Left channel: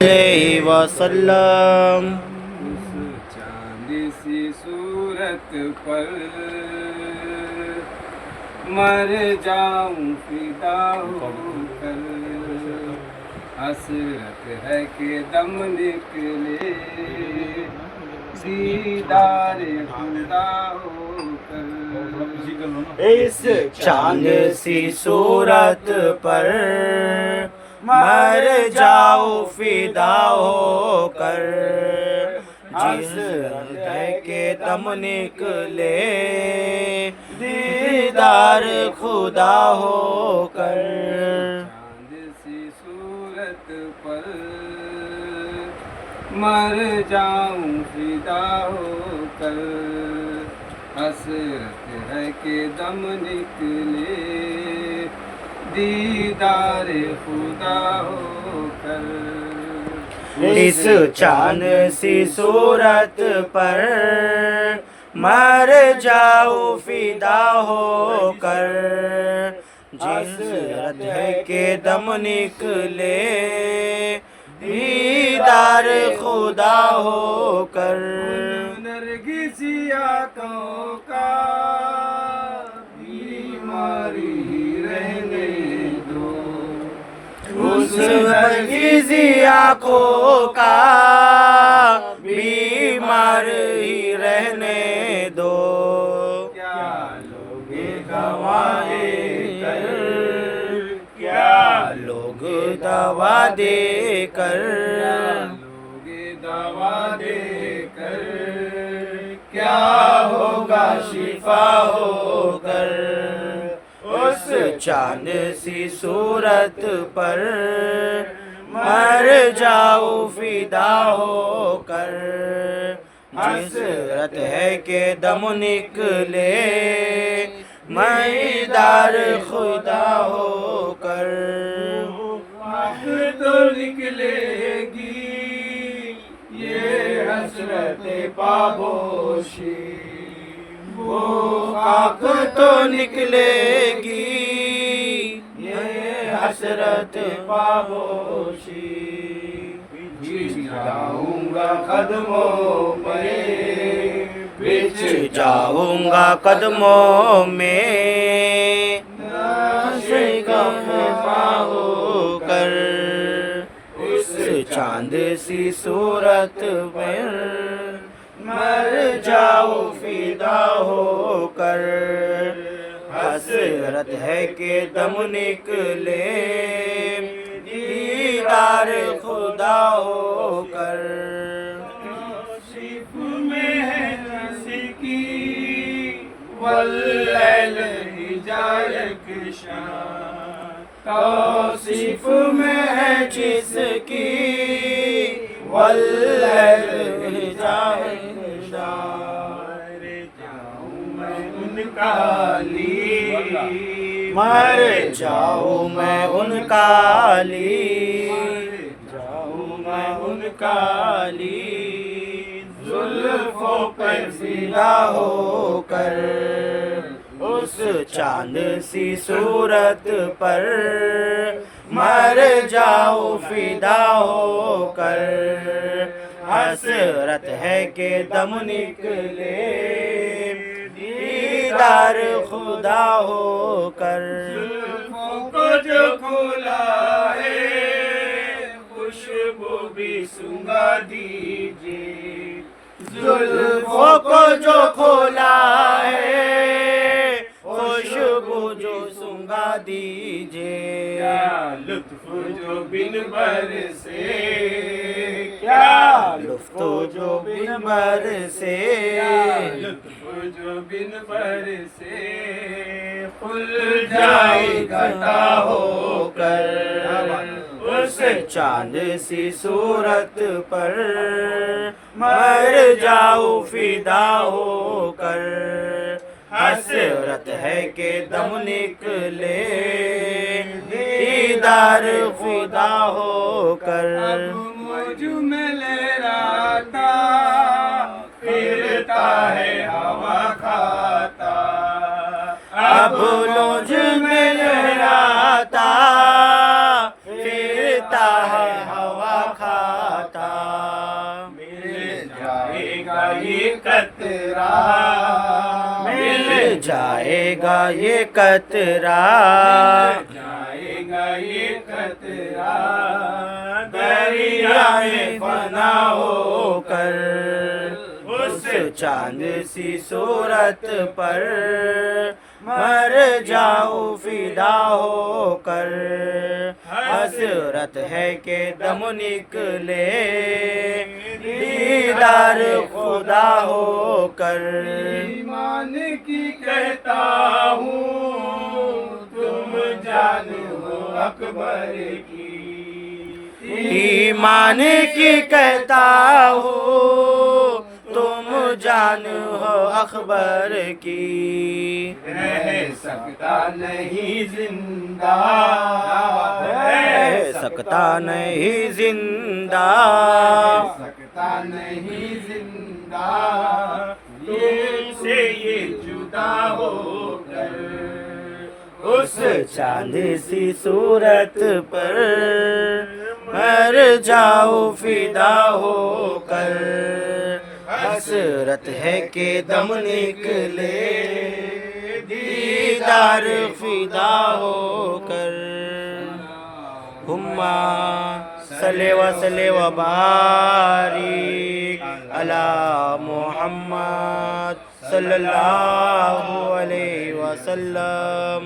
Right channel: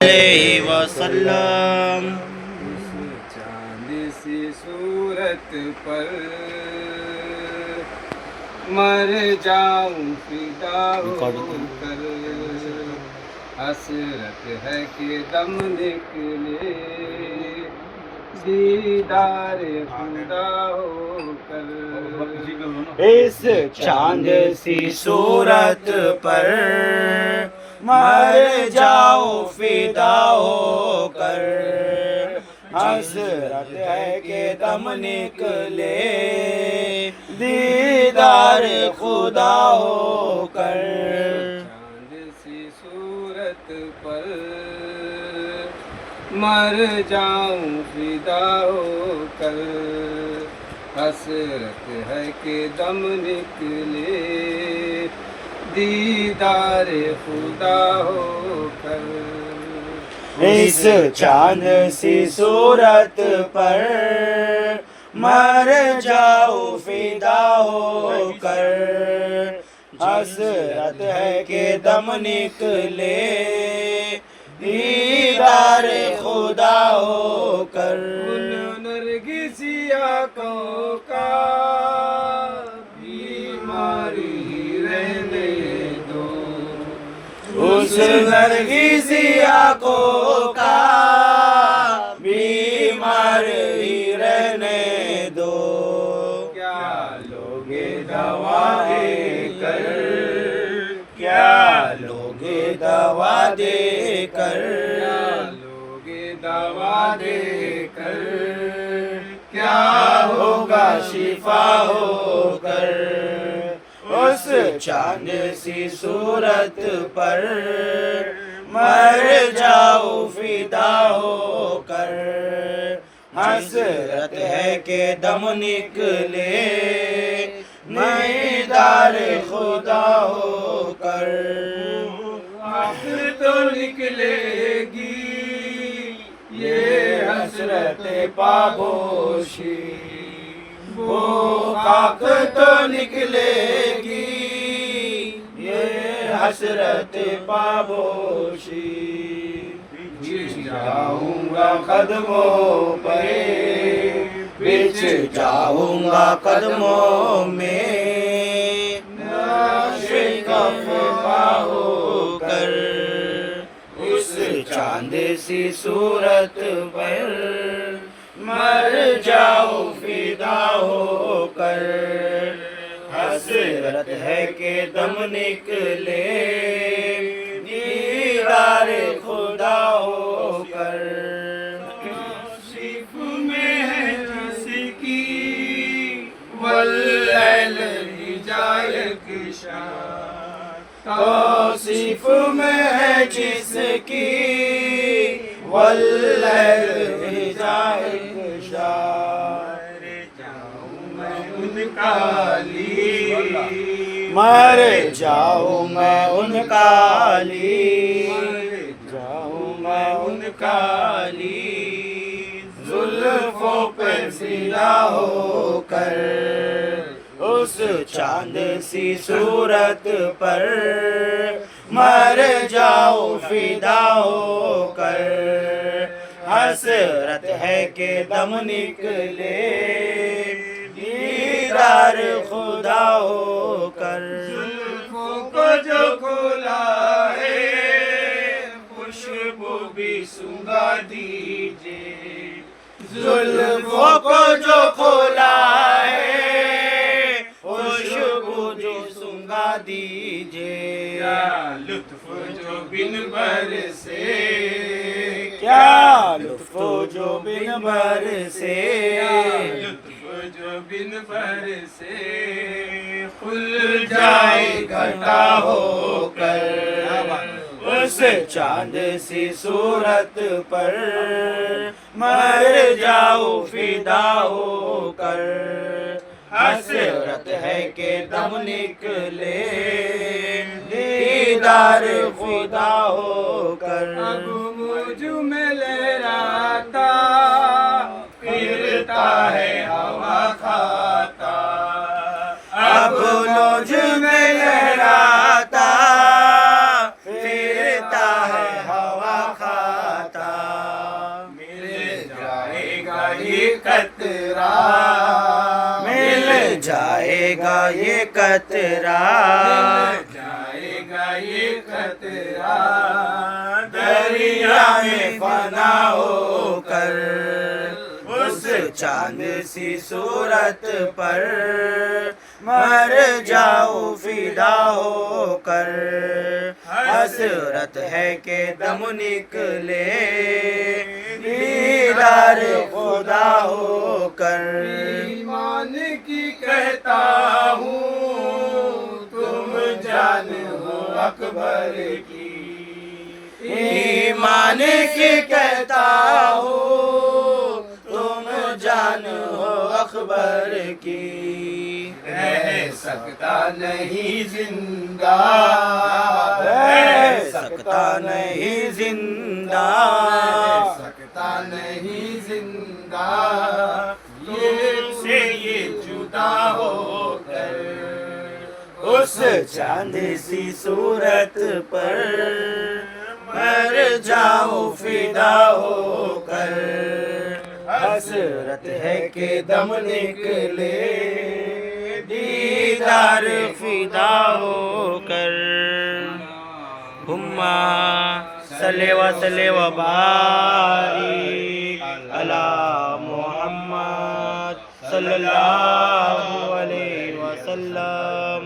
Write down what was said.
वसल्लम। उस चांद सी सूरत पर मर जाऊं फिदा होकर। हसरत है कि दम निकले दीदार खुदा होकर। इस चांद सी सूरत पर मर जाओ फिदा होकर। हसरत है कि दम निकले दीदार खुदा होकर। चांद सी सूरत पर मर जाऊं फिदा होकर। हसरत है कि दम निकले दीदार खुदा होकर। इस चांद सी सूरत पर मर जाओ फिदा होकर। हसरत है कि दम निकले दीदार खुदा होकर। नरगिसी आँखों का बीमारी रहने दो। उस नरगिसी आँखों का बीमार ही रहने दो। क्या लोगे दवा देकर, क्या लोगे दवा देकर। क्या लोगे दवा देकर। क्या होगा शिफा होकर। उस चांद सी सूरत पर मर जाओ फिदा होकर। हसरत है कि दम निकले दीदार खुदा होकर। आँख तो निकलेगी ये हसरत पाबोशी। वो खाक तो निकलेगी ये हसरत पाबोशी। बिछ जाऊंगा कदमों पे, बिछ जाऊंगा कदमों में होकर। उस चांद सी सूरत में मर जाओ फिदा होकर। हसरत है कि दम निकले दीदार खुदा होकर। तौसीफ में है जिसकी वल्लैल हिजायक शान। तौसीफ में है जिसकी वल्लैल हिजायक शान। जाऊं मैं उनका ली, मर जाऊं मैं उनका ली। जाऊं मैं उनका ली। जुल्फों पर फिदा होकर। उस चांद सी सूरत पर मर जाओ फिदा होकर। हसरत है कि दम निकले दीदार खुदा होकर। जुल्फों को जो खोला है खुशबू भी सूंघा दीजिए। जुल्फों को जो खोला है खुशबू जो सूंघा दीजिए। क्या लुत्फ जो बिन बरसे, क्या लुत्फ जो बिन बरसे। लुत्फ जो बिन बरसे। खुल जाए घटा होकर। उस चांद सी सूरत पर मर जाओ फिदा होकर। हसरत है कि दम निकले दीदार खुदा होकर। अब मुझ में लहराता फिरता है हवा खाता। अब मुझ में लहराता फिरता है हवा खा। कतरा मिल जाएगा ये कतरा, जाएगा ये कतरा दरिया में फना होकर उस चांद सी सूरत पर मर जाऊं फिदा होकर। हसरत है के दम निकले दीदार खुदा होकर। ईमान की कहता हूँ तुम जान हो अकबर की, ईमान की कहता हूँ तुम जान हो अकबर की। रह सकता नहीं जिंदा, रह सकता नहीं जिंदा, रह सकता नहीं जिंदा तुमसे ये जुदा होकर। उस चांद सी सूरत पर मर जाऊं फिदा होकर। हसरत है के दम निकले दीदार फिदा होकर। हुम्मा सल्ले व बारिक अला मुहम्मद सल्लल्लाहु अलैहि वसल्लम।